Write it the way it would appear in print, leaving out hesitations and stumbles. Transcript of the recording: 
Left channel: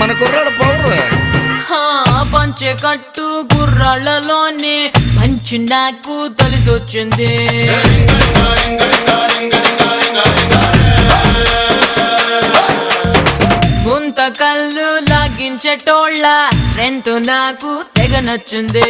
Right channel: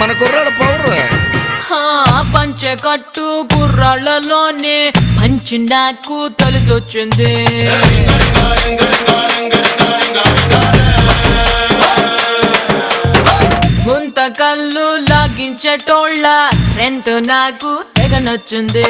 మన కుర్రాడు పవర్. పంచె కట్టు కుర్రాళ్ళలోనే మంచి నాకు తెలిసొచ్చింది. ముంత కళ్ళు లాగించేటోళ్ళ స్ట్రెంత్ నాకు తెగ నచ్చింది.